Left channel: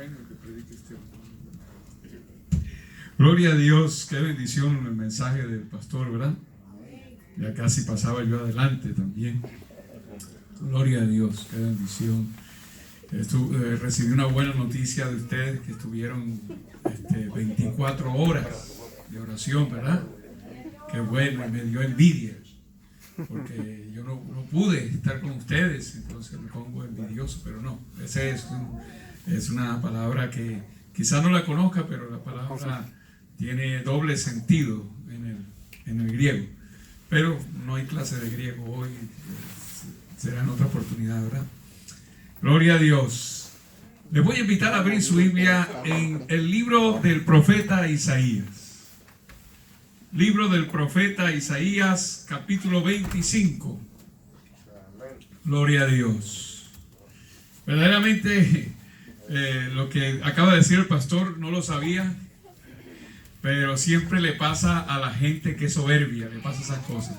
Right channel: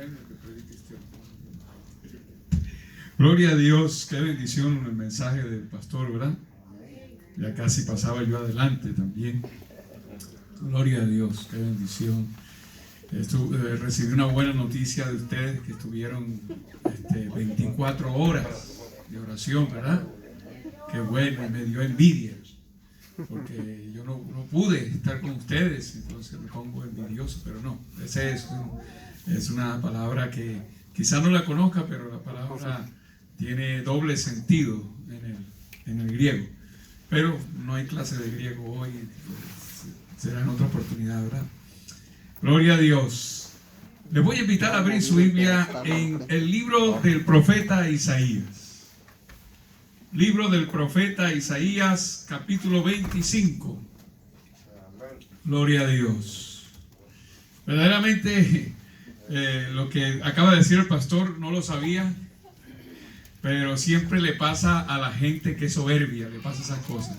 bueno que predique este hombre. Gloria a Dios, qué bendición el mensaje del pastor, ¿verdad? Ya casi pasaba yo adelante también. Gloria a Dios, qué bendición. Recibí una buena noticia de ustedes que estuvieron 24 horas de oración, ¿verdad? Qué bueno, y me dio envidia, porque yo no pude estar con ustedes, entonces me pongo envidioso, pero no, esa es una palabra que quizás no la conozca, pero la palabra tiene doble sentido en el griego, pero no hay clase de griego hoy, será en otra oportunidad, ¿verdad? Gloria a Dios. Les voy a invitar a abrir su Biblia en el libro del profeta Isaías. Libro del profeta Isaías, capítulo 25. Gloria a Dios. Verdaderamente, lo que acaba de decir el pastor no lo sabía, pero siempre le pasa a la gente que es soberbia, le pasa esas cosas,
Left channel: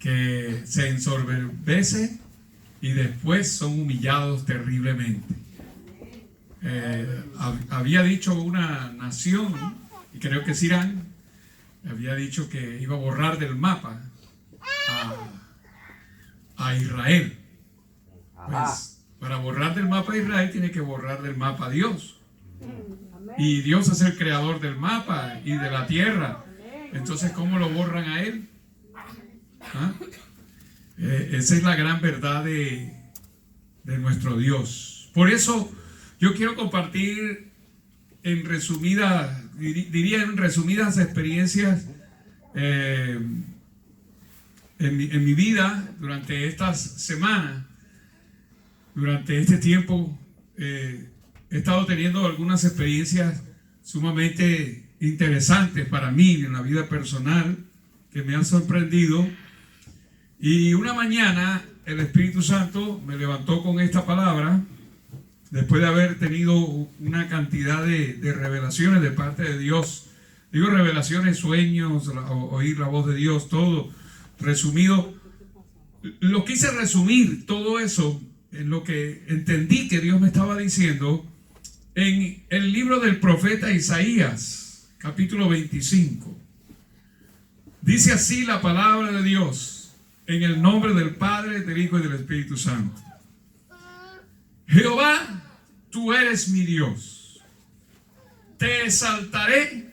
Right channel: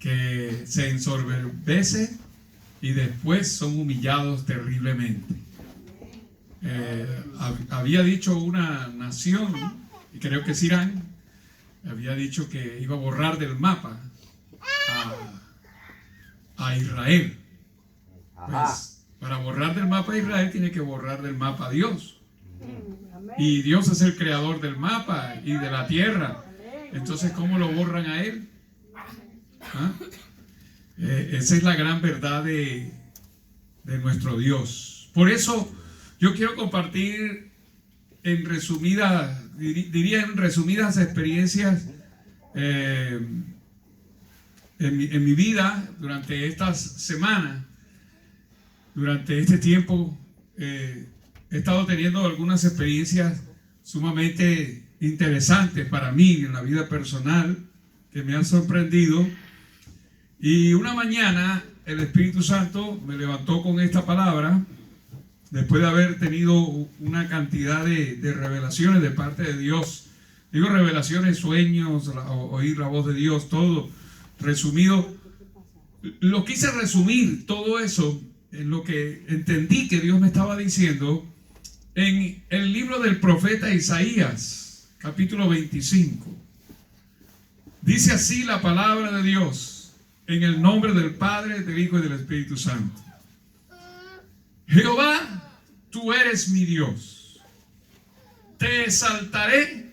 que se ensoberbece y después son humillados terriblemente. Había dicho una nación, y creo que es Irán, había dicho que iba a borrar del mapa a Israel. Pues para borrar del mapa a Israel tiene que borrar del mapa a Dios. Y Dios es el creador del mapa y de la tierra. Entonces, ¿cómo lo borran a él? ¿Ah? Esa es la gran verdad de nuestro Dios. Por eso yo quiero compartir en resumidas experiencias en mi vida durante estas semanas, durante este tiempo. He estado teniendo algunas experiencias sumamente interesantes para mí en la vida personal que me han sorprendido. Y una mañana el Espíritu Santo me levantó con esta palabra, después de haber tenido una cantidad de revelaciones de parte de Dios. Digo revelaciones, sueños, oír la voz de Dios, todo resumido. Lo quise resumir todo eso en lo que entendí que Dios me estaba diciendo en el libro del profeta Isaías, capítulo 25. Dice así la palabra de Dios. En el nombre del Padre, del Hijo y del Espíritu Santo. Jehová, tú eres mi Dios. Te exaltaré,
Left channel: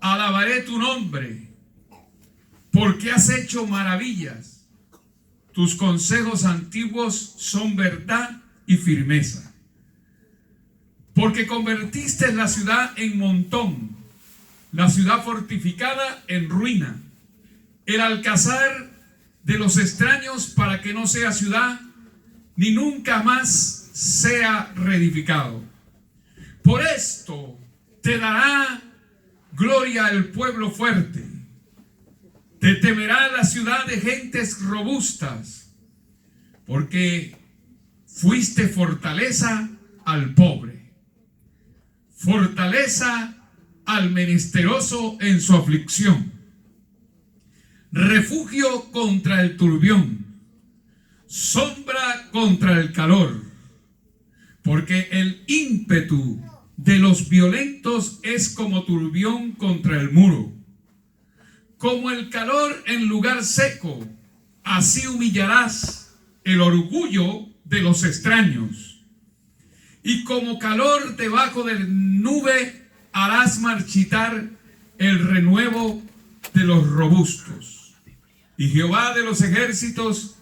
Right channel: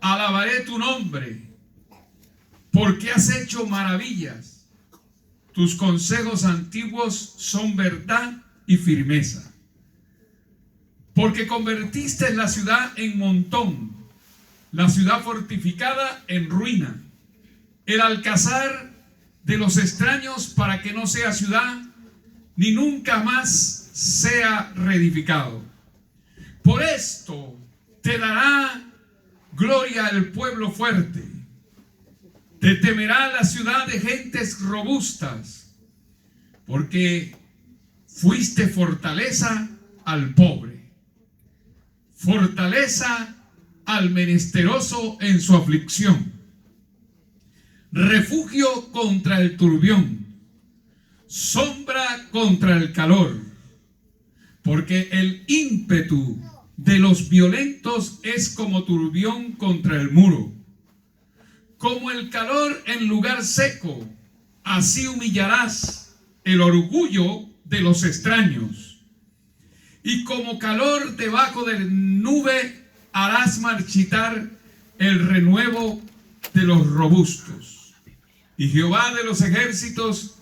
alabaré tu nombre, porque has hecho maravillas. Tus consejos antiguos son verdad y firmeza. Porque convertiste la ciudad en montón, la ciudad fortificada en ruina, el alcázar de los extraños para que no sea ciudad, ni nunca más sea reedificado. Por esto te dará gloria el pueblo fuerte, te temerá la ciudad de gentes robustas, porque fuiste fortaleza al pobre, fortaleza al menesteroso en su aflicción, refugio contra el turbión, sombra contra el calor, porque el ímpetu de los violentos es como turbión contra el muro, como el calor en lugar seco, así humillarás el orgullo de los extraños, y como calor debajo de nube harás marchitar el renuevo de los robustos. Y Jehová de los ejércitos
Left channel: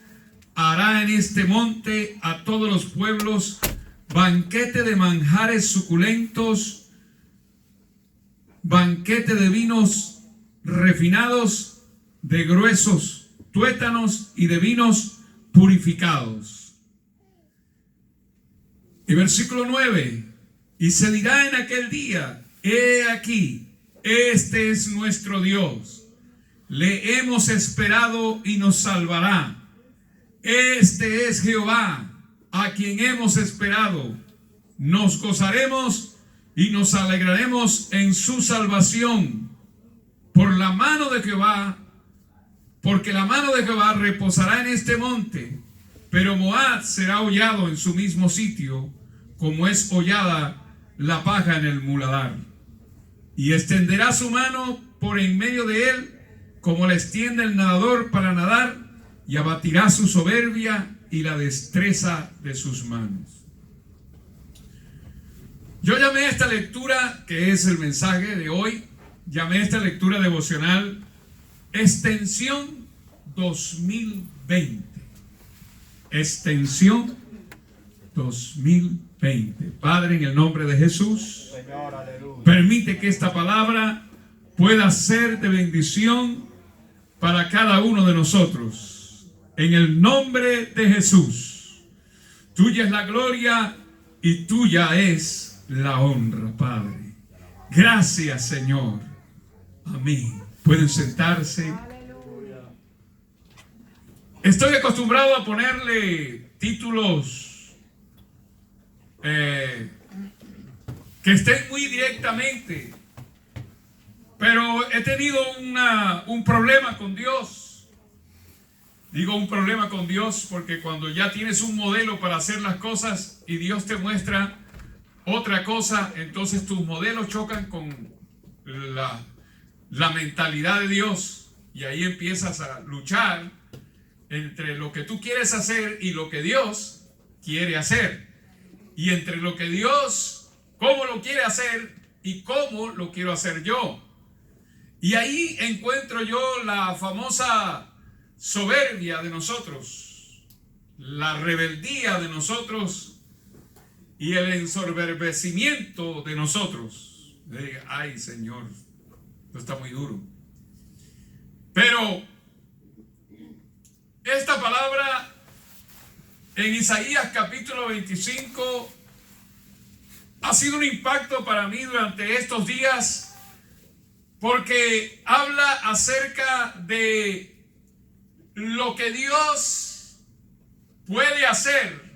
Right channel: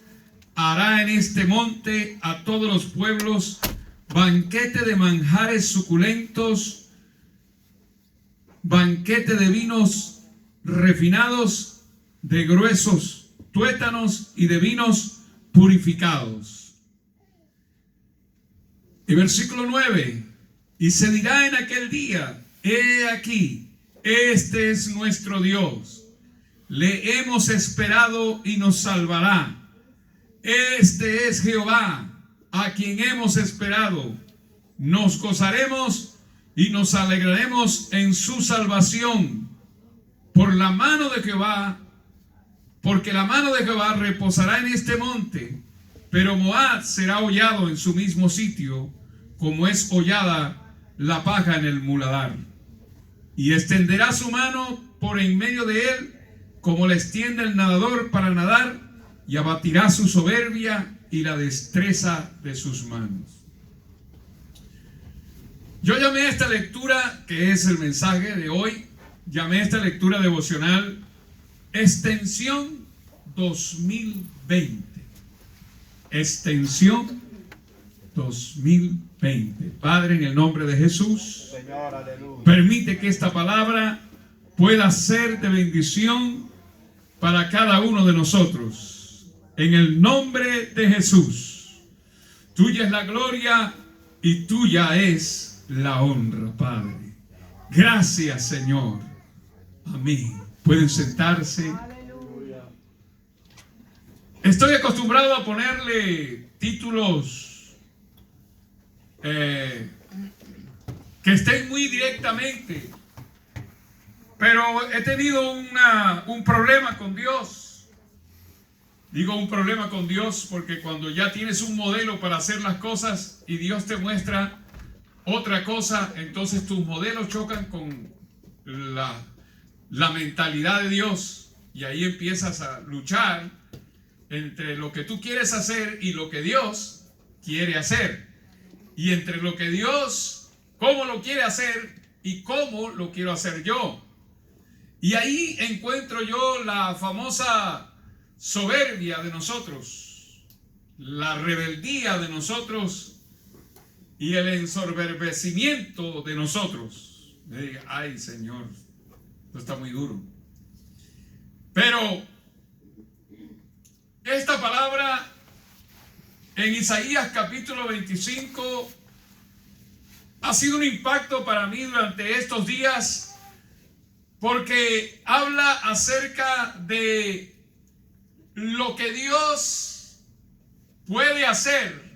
hará en este monte a todos los pueblos banquete de manjares suculentos, banquete de vinos refinados, de gruesos tuétanos y de vinos purificados. Y versículo 9, y se dirá en aquel día, he aquí, este es nuestro Dios. Le hemos esperado y nos salvará. Este es Jehová, a quien hemos esperado. Nos gozaremos y nos alegraremos en su salvación. Por la mano de Jehová, porque la mano de Jehová reposará en este monte, pero Moab será hollado en su mismo sitio, como es hollada la paja en el muladar. Y extenderá su mano por en medio de él, como la extiende el nadador para nadar, y abatirá su soberbia y la destreza de sus manos. Yo llamé a esta lectura, que es el mensaje de hoy, llamé a esta lectura devocional Extensión 2020. Extensión 2020. Padre, en el nombre de Jesús, permite que esta palabra pueda ser de bendición para cada uno de nosotros. En el nombre de Jesús. Tuya es la gloria y tuya es la honra, Padre. Gracias, Señor. Amén. Pueden sentarse. Estoy acostumbrado a ponerle títulos que estén muy directamente, pero he tenido un problema con Dios. Digo un problema con Dios porque cuando ya tienes un modelo para hacer las cosas y Dios te muestra otra cosa, entonces tus modelos chocan con la mentalidad de Dios, y ahí empiezas a luchar entre lo que tú quieres hacer y lo que Dios quiere hacer, y entre lo que Dios, cómo lo quiere hacer y cómo lo quiero hacer yo. Y ahí encuentro yo la famosa soberbia de nosotros, la rebeldía de nosotros y el ensoberbecimiento de nosotros. Ay, Señor, esto está muy duro. Pero esta palabra en Isaías capítulo 25 ha sido un impacto para mí durante estos días, porque habla acerca de lo que Dios puede hacer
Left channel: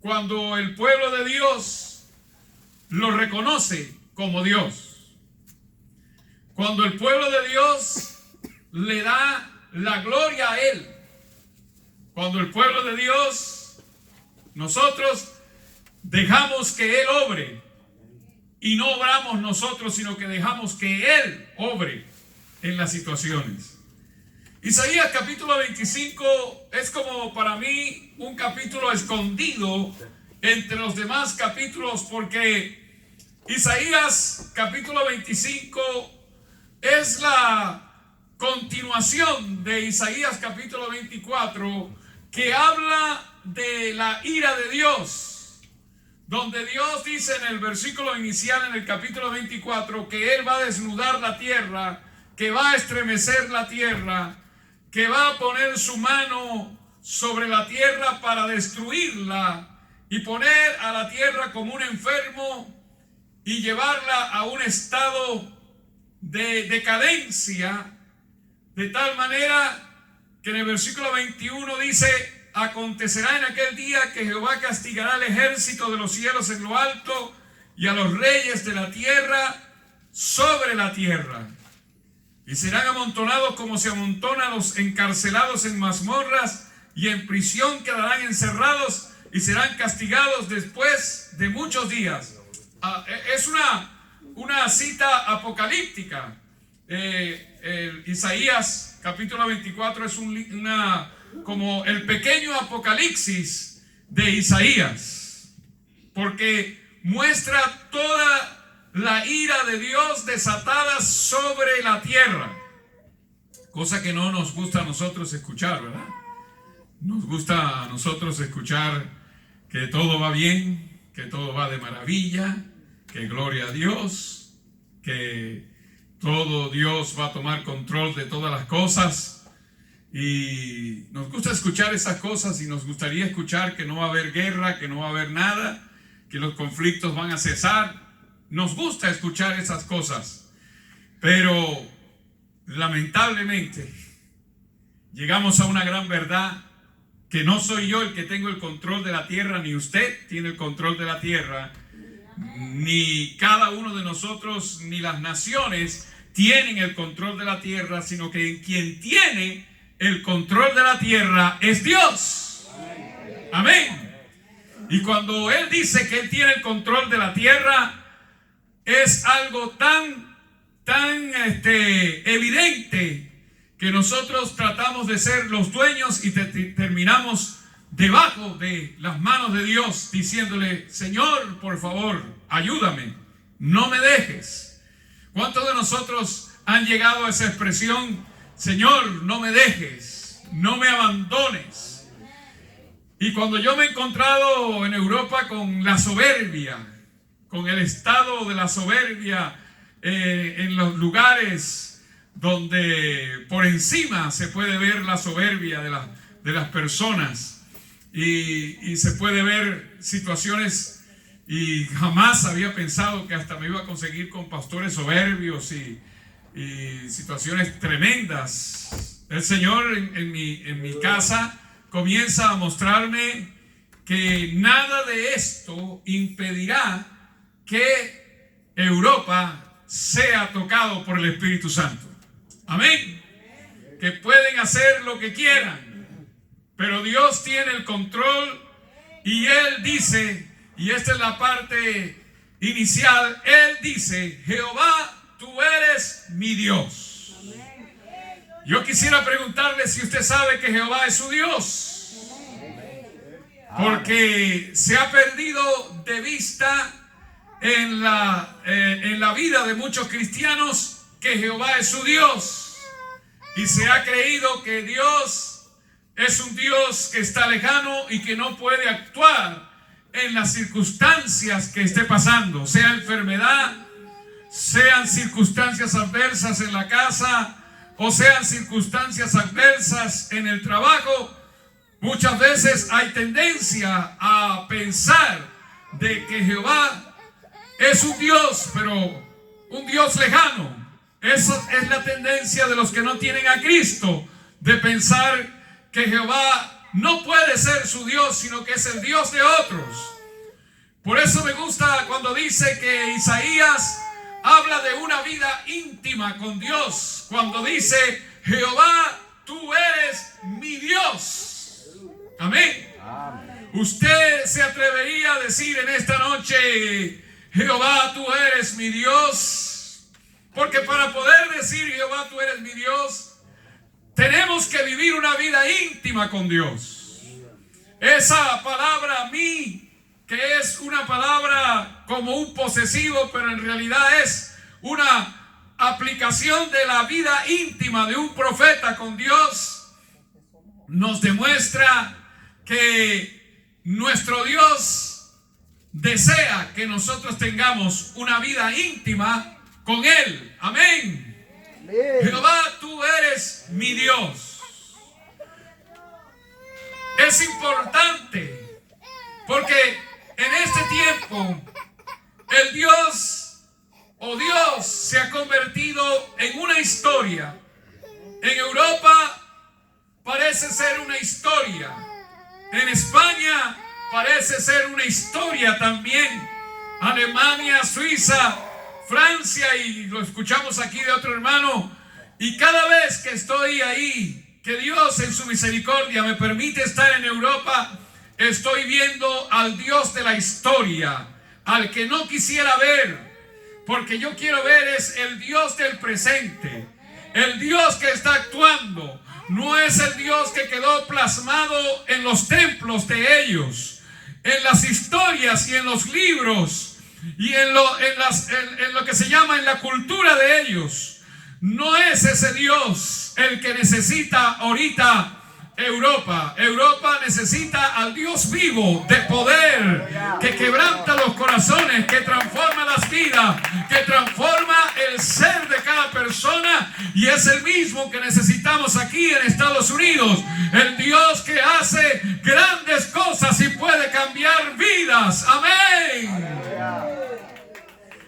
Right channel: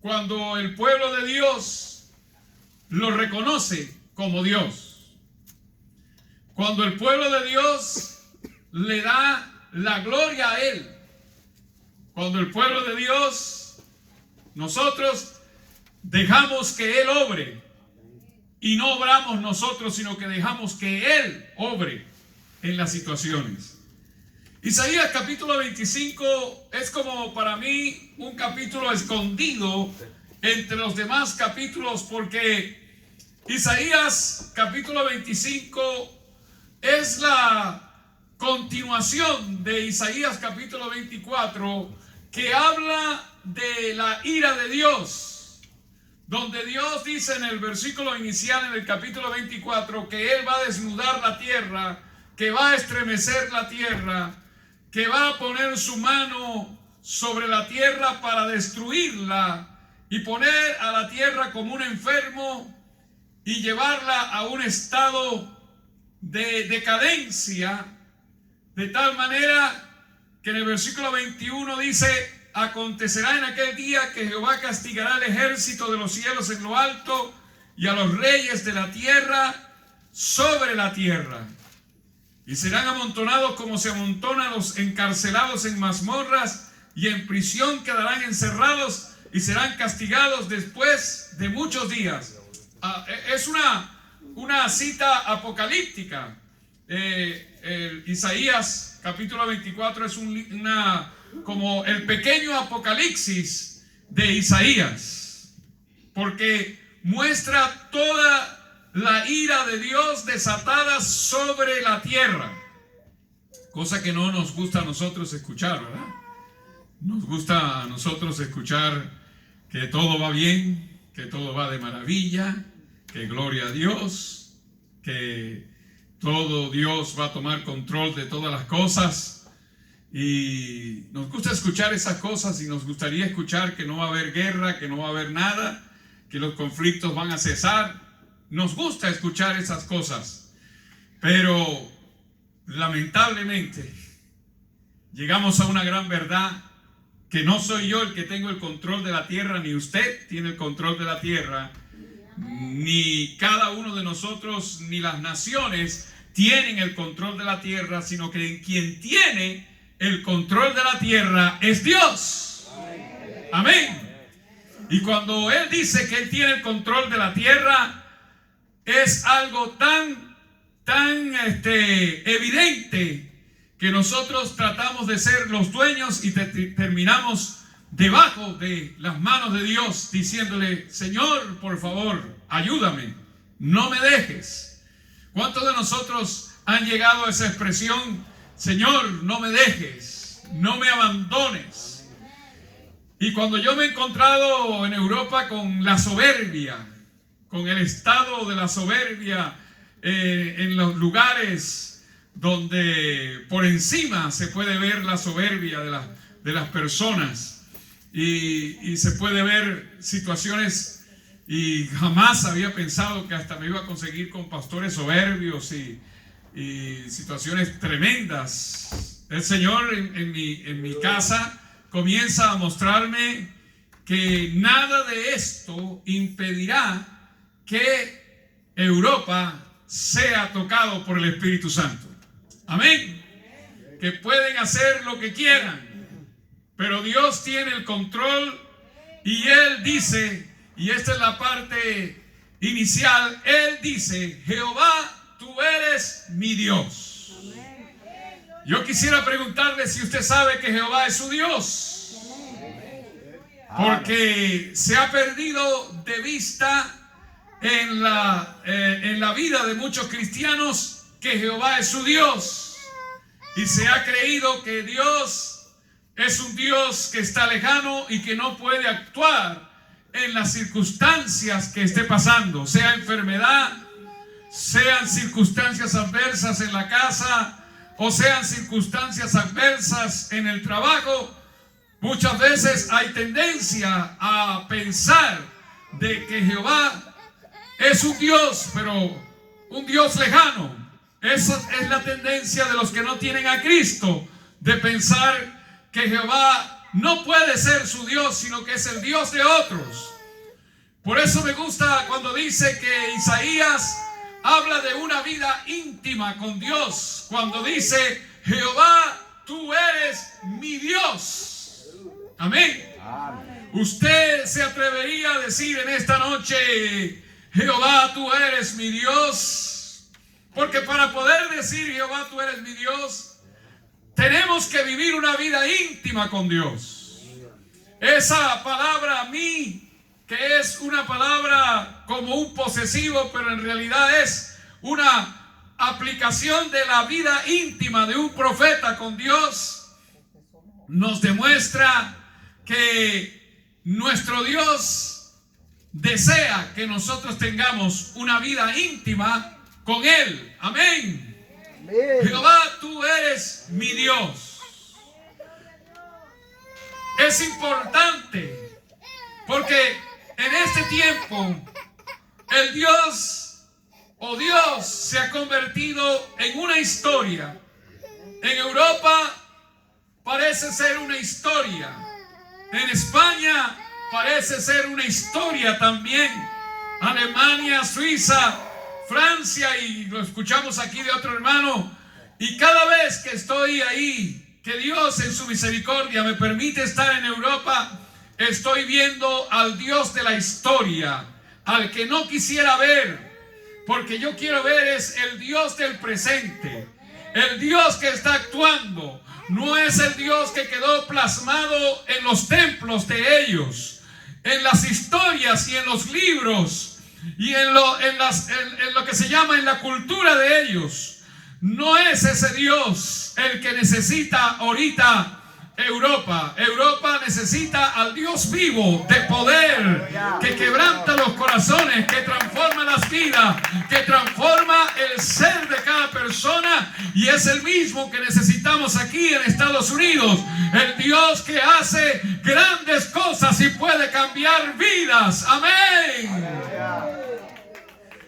cuando el pueblo de Dios lo reconoce como Dios. Cuando el pueblo de Dios le da la gloria a Él. Cuando el pueblo de Dios, nosotros dejamos que Él obre. Y no obramos nosotros, sino que dejamos que Él obre en las situaciones. Isaías capítulo 25 es como para mí un capítulo escondido entre los demás capítulos, porque Isaías capítulo 25 es la continuación de Isaías capítulo 24, que habla de la ira de Dios, donde Dios dice en el versículo inicial en el capítulo 24 que Él va a desnudar la tierra, que va a estremecer la tierra, que va a poner su mano sobre la tierra para destruirla y poner a la tierra como un enfermo y llevarla a un estado de decadencia, de tal manera que en el versículo 21 dice: acontecerá en aquel día que Jehová castigará al ejército de los cielos en lo alto y a los reyes de la tierra sobre la tierra. Y serán amontonados como se amontonan los encarcelados en mazmorras, y en prisión quedarán encerrados y serán castigados después de muchos días. Es una cita apocalíptica. Isaías capítulo 24 es como el pequeño apocalipsis de Isaías, porque muestra toda la ira de Dios desatada sobre la tierra, cosa que no nos gusta a nosotros escuchar, ¿verdad? Nos gusta a nosotros escuchar que todo va bien, que todo va de maravilla, que gloria a Dios, que todo Dios va a tomar control de todas las cosas, y nos gusta escuchar esas cosas, y nos gustaría escuchar que no va a haber guerra, que no va a haber nada, que los conflictos van a cesar. Nos gusta escuchar esas cosas, pero lamentablemente llegamos a una gran verdad, que no soy yo el que tengo el control de la tierra, ni usted tiene el control de la tierra, ni cada uno de nosotros, ni las naciones tienen el control de la tierra, sino que quien tiene el control de la tierra es Dios. Amén. Y cuando Él dice que Él tiene el control de la tierra, es algo tan evidente que nosotros tratamos de ser los dueños y terminamos debajo de las manos de Dios, diciéndole: Señor, por favor, ayúdame, no me dejes. ¿Cuántos de nosotros han llegado a esa expresión: Señor, no me dejes, no me abandones? Y cuando yo me he encontrado en Europa con la soberbia, con el estado de la soberbia en los lugares donde por encima se puede ver la soberbia de las personas, y se puede ver situaciones, y jamás había pensado que hasta me iba a conseguir con pastores soberbios y situaciones tremendas. El Señor en mi casa comienza a mostrarme que nada de esto impedirá que Europa sea tocado por el Espíritu Santo. Amén. Que pueden hacer lo que quieran, pero Dios tiene el control, y Él dice, y esta es la parte inicial, Él dice: Jehová, tú eres mi Dios. Yo quisiera preguntarle si usted sabe que Jehová es su Dios, porque se ha perdido de vista en la vida de muchos cristianos que Jehová es su Dios, y se ha creído que Dios es un Dios que está lejano y que no puede actuar en las circunstancias que esté pasando, sea enfermedad, sean circunstancias adversas en la casa, o sean circunstancias adversas en el trabajo. Muchas veces hay tendencia a pensar de que Jehová es un Dios, pero un Dios lejano. Esa es la tendencia de los que no tienen a Cristo, de pensar que Jehová no puede ser su Dios, sino que es el Dios de otros. Por eso me gusta cuando dice que Isaías habla de una vida íntima con Dios, cuando dice: Jehová, tú eres mi Dios. Amén. Usted se atrevería a decir en esta noche: Jehová, tú eres mi Dios. Porque para poder decir Jehová, tú eres mi Dios, tenemos que vivir una vida íntima con Dios. Esa palabra mí, que es una palabra como un posesivo, pero en realidad es una aplicación de la vida íntima de un profeta con Dios, nos demuestra que nuestro Dios desea que nosotros tengamos una vida íntima con Él. Amén. Amén. Jehová, tú eres mi Dios. Es importante porque en este tiempo el Dios se ha convertido en una historia. En Europa parece ser una historia. En España parece ser una historia también. Alemania, Suiza, Francia, y lo escuchamos aquí de otro hermano. Y cada vez que estoy ahí, que Dios en su misericordia me permite estar en Europa, estoy viendo al Dios de la historia, al que no quisiera ver, porque yo quiero ver es el Dios del presente, el Dios que está actuando. No es el Dios que quedó plasmado en los templos de ellos, en las historias y en los libros, y en lo que se llama en la cultura de ellos. No es ese Dios el que necesita ahorita Europa. Europa necesita al Dios vivo, de poder, que quebranta los corazones, que transforma las vidas, que transforma el ser de cada persona, y es el mismo que necesitamos aquí en Estados Unidos. El Dios que hace grandes cosas y puede cambiar vidas. Amén.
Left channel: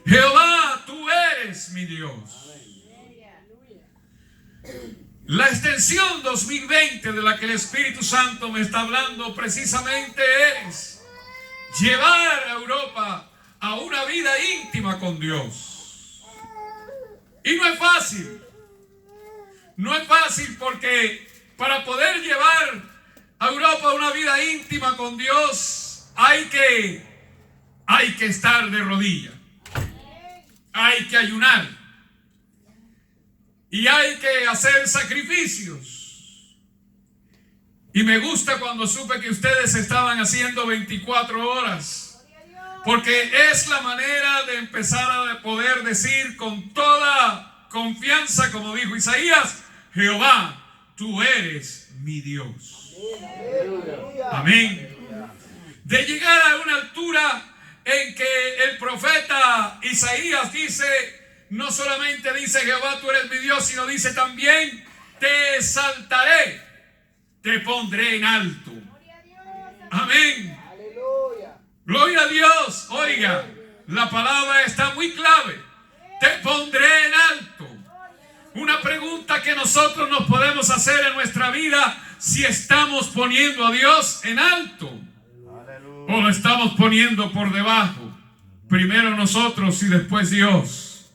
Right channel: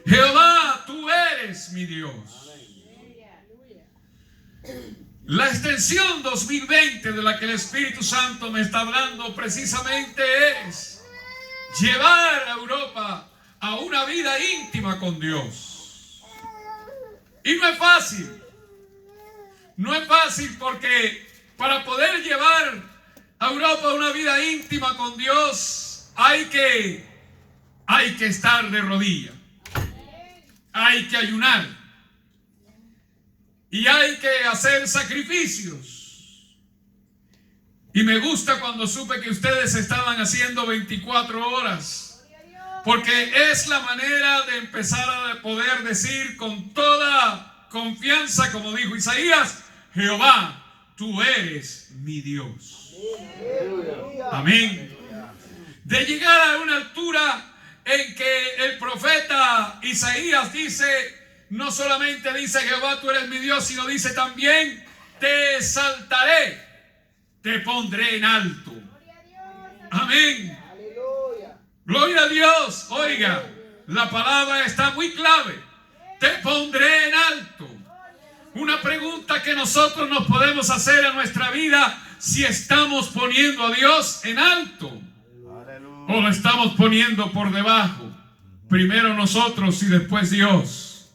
Jehová, tú eres mi Dios. La extensión 2020 de la que el Espíritu Santo me está hablando precisamente es llevar a Europa a una vida íntima con Dios. Y no es fácil. No es fácil, porque para poder llevar a Europa una vida íntima con Dios, hay que estar de rodillas. Hay que ayunar. Y hay que hacer sacrificios. Y me gusta cuando supe que ustedes estaban haciendo 24 horas. Porque es la manera de empezar a poder decir con toda confianza, como dijo Isaías: Jehová, tú eres mi Dios. Amén. De llegar a una altura en que el profeta Isaías dice, no solamente dice Jehová, tú eres mi Dios, sino dice también, te exaltaré, te pondré en alto. Amén. Gloria a Dios. Oiga, la palabra está muy clave. Te pondré en alto. Una pregunta que nosotros nos podemos hacer en nuestra vida: si estamos poniendo a Dios en alto o lo estamos poniendo por debajo. Primero nosotros y después Dios.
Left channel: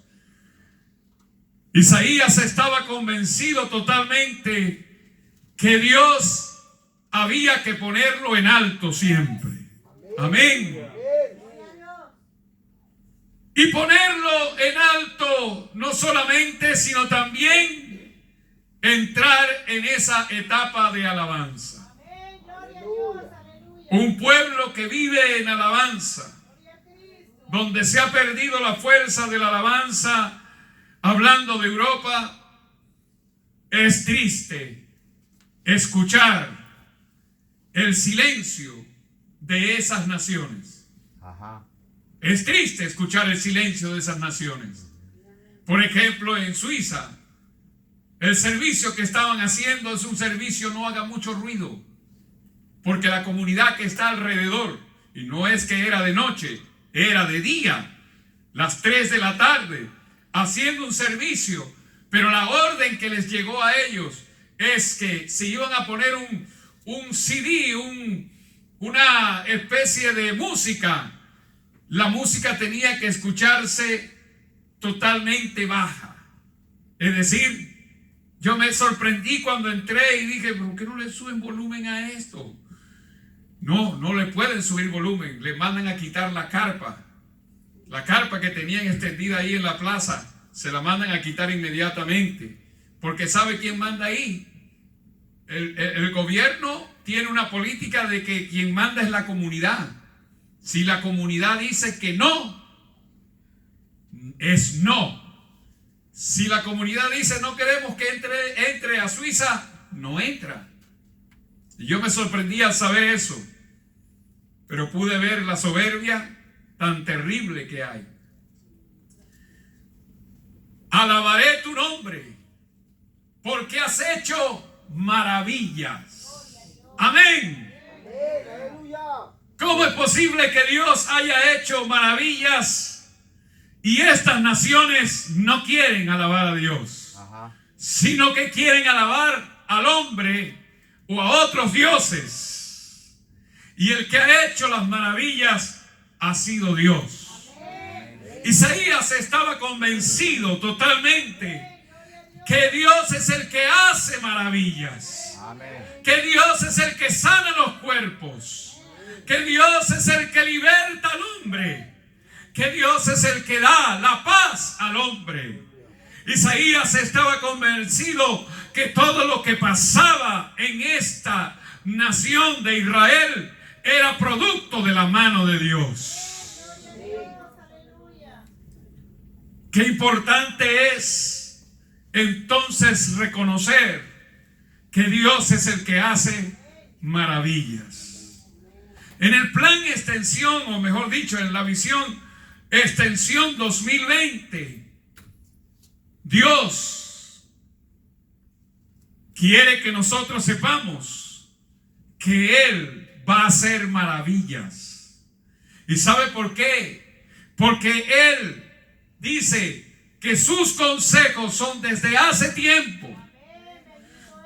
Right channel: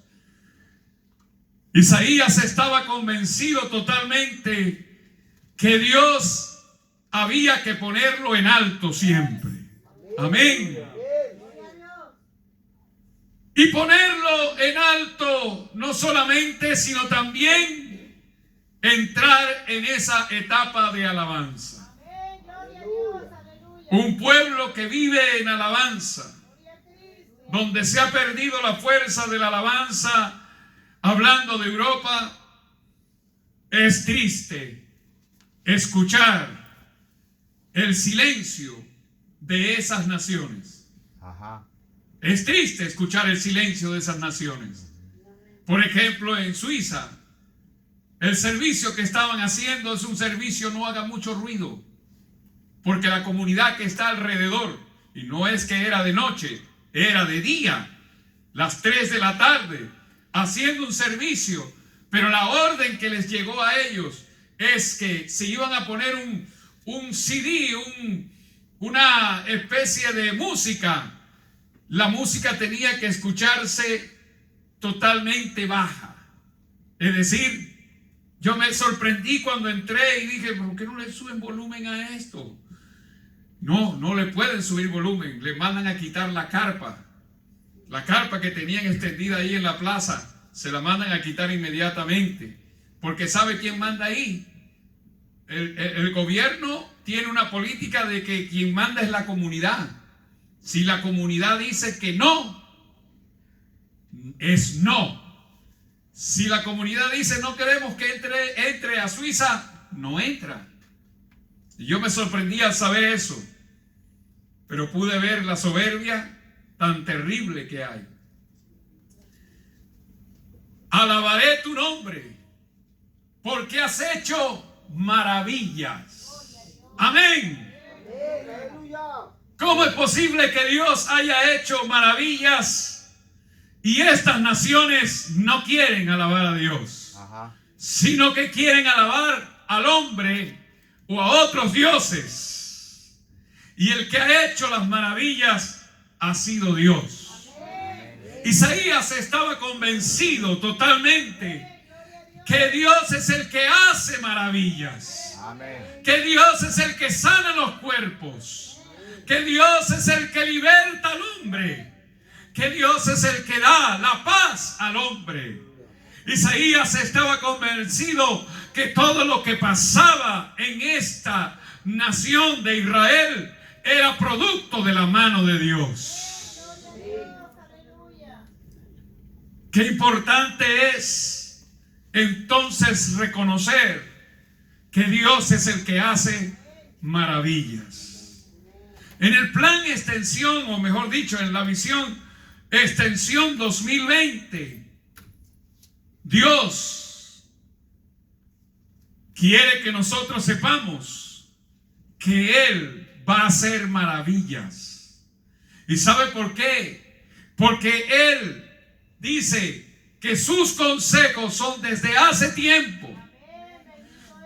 Isaías estaba convencido totalmente que Dios había que ponerlo en alto siempre. Amén. Y ponerlo en alto no solamente, sino también entrar en esa etapa de alabanza. Un pueblo que vive en alabanza, donde se ha perdido la fuerza de la alabanza, hablando de Europa, es triste escuchar el silencio de esas naciones. Es triste escuchar el silencio de esas naciones. Por ejemplo, en Suiza, el servicio que estaban haciendo es un servicio no haga mucho ruido, porque la comunidad que está alrededor, y no es que era de noche, era de día, las 3 de la tarde, haciendo un servicio, pero la orden que les llegó a ellos es que se iban a poner un CD, una especie de música. La música tenía que escucharse totalmente baja. Es decir, yo me sorprendí cuando entré y dije, ¿por qué no le suben volumen a esto? No le pueden subir volumen. Le mandan a quitar la carpa. La carpa que tenían extendida ahí en la plaza, se la mandan a quitar inmediatamente. Porque ¿sabe quién manda ahí? El gobierno tiene una política de que quien manda es la comunidad. Si la comunidad dice que no, es no. Si la comunidad dice no queremos que entre a Suiza, no entra. Y yo me sorprendí al saber eso, pero pude ver la soberbia tan terrible que hay. Alabaré tu nombre, porque has hecho maravillas. Amén. ¿Cómo es posible que Dios haya hecho maravillas y estas naciones no quieren alabar a Dios, sino que quieren alabar al hombre o a otros dioses? Y el que ha hecho las maravillas ha sido Dios. Isaías estaba convencido totalmente que Dios es el que hace maravillas, que Dios es el que sana los cuerpos, que Dios es el que liberta al hombre, que Dios es el que da la paz al hombre. Isaías estaba convencido que todo lo que pasaba en esta nación de Israel era producto de la mano de Dios. Qué importante es entonces reconocer que Dios es el que hace maravillas. En el plan extensión, o mejor dicho, en la visión extensión 2020, Dios quiere que nosotros sepamos que Él va a hacer maravillas. ¿Y sabe por qué? Porque Él dice que sus consejos son desde hace tiempo.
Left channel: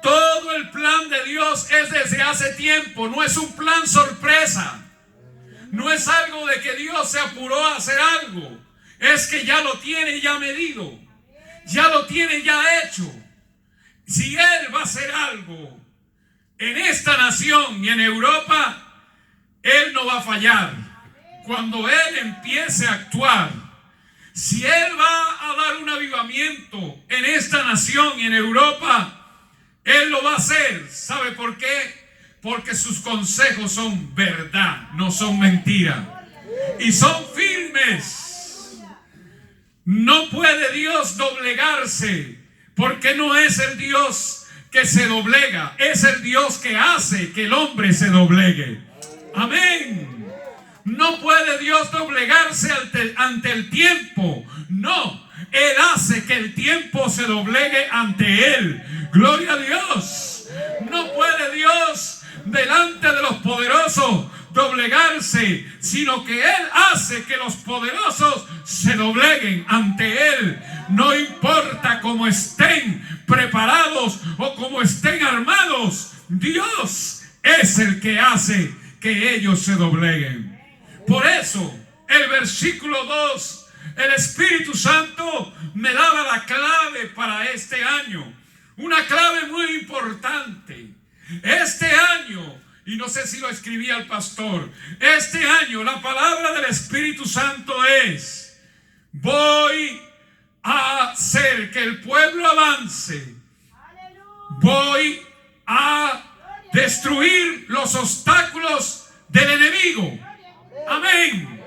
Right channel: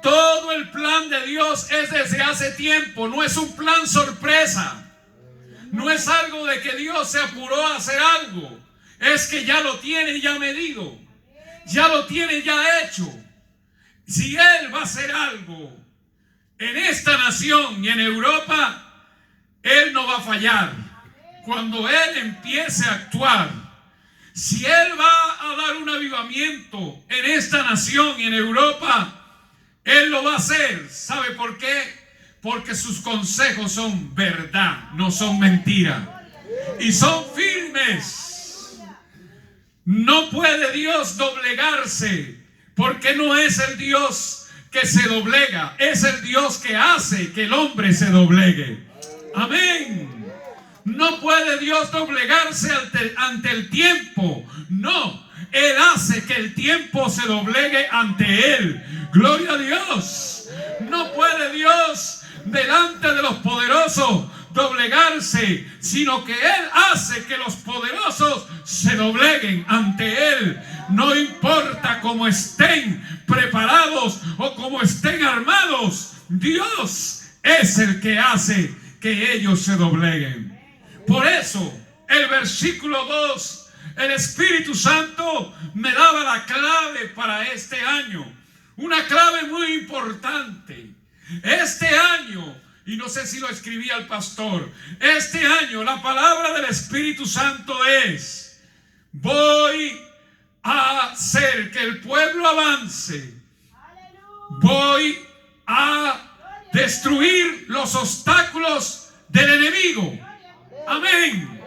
Todo el plan de Dios es desde hace tiempo, no es un plan sorpresa. No es algo de que Dios se apuró a hacer algo. Es que ya lo tiene ya medido. Ya lo tiene ya hecho. Si Él va a hacer algo en esta nación y en Europa, Él no va a fallar. Cuando Él empiece a actuar, si Él va a dar un avivamiento en esta nación y en Europa, Él lo va a hacer. ¿Sabe por qué? Porque sus consejos son verdad, no son mentira. Y son firmes. No puede Dios doblegarse, porque no es el Dios que se doblega, es el Dios que hace que el hombre se doblegue. Amén. No puede Dios doblegarse ante el tiempo. No, Él hace que el tiempo se doblegue ante Él. Gloria a Dios. No puede Dios delante de los poderosos doblegarse, sino que Él hace que los poderosos se dobleguen ante Él. No importa cómo estén preparados o cómo estén armados, Dios es el que hace que ellos se dobleguen. Por eso, el versículo 2, el Espíritu Santo me daba la clave para este año. Una clave muy importante. Este año, y no sé si lo escribía el pastor, este año la palabra del Espíritu Santo es: voy a hacer que el pueblo avance. Voy a destruir los obstáculos del enemigo. Amén.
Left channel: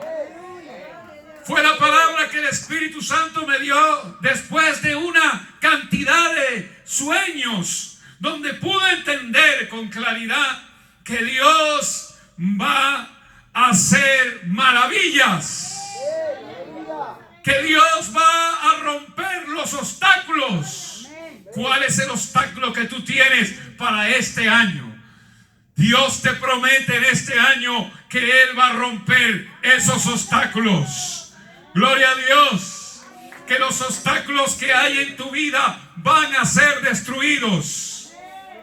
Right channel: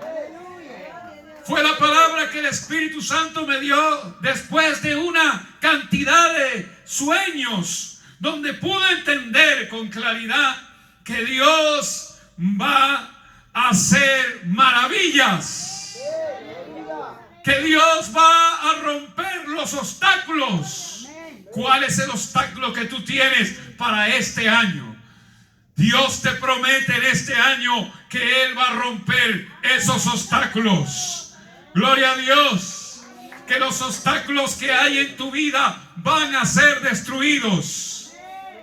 Fue la palabra que el Espíritu Santo me dio después de una cantidad de sueños, donde pude entender con claridad que Dios va a hacer maravillas, que Dios va a romper los obstáculos. ¿Cuál es el obstáculo que tú tienes para este año? Dios te promete en este año que Él va a romper esos obstáculos. Gloria a Dios. Que los obstáculos que hay en tu vida van a ser destruidos.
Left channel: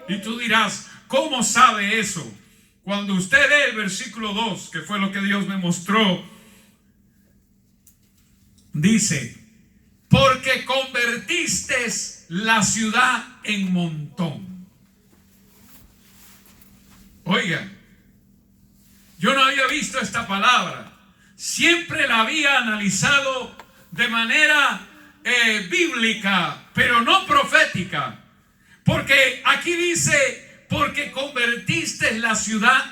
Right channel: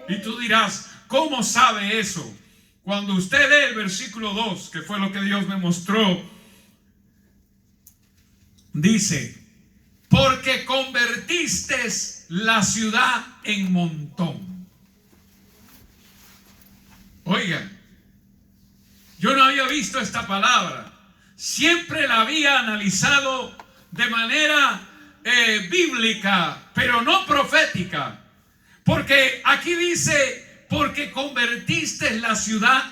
Y tú dirás, ¿cómo sabe eso? Cuando usted lee el versículo 2, que fue lo que Dios me mostró, dice: porque convertiste la ciudad en montón. Oiga, yo no había visto esta palabra. Siempre la había analizado de manera bíblica, pero no profética. Porque aquí dice: porque convertiste la ciudad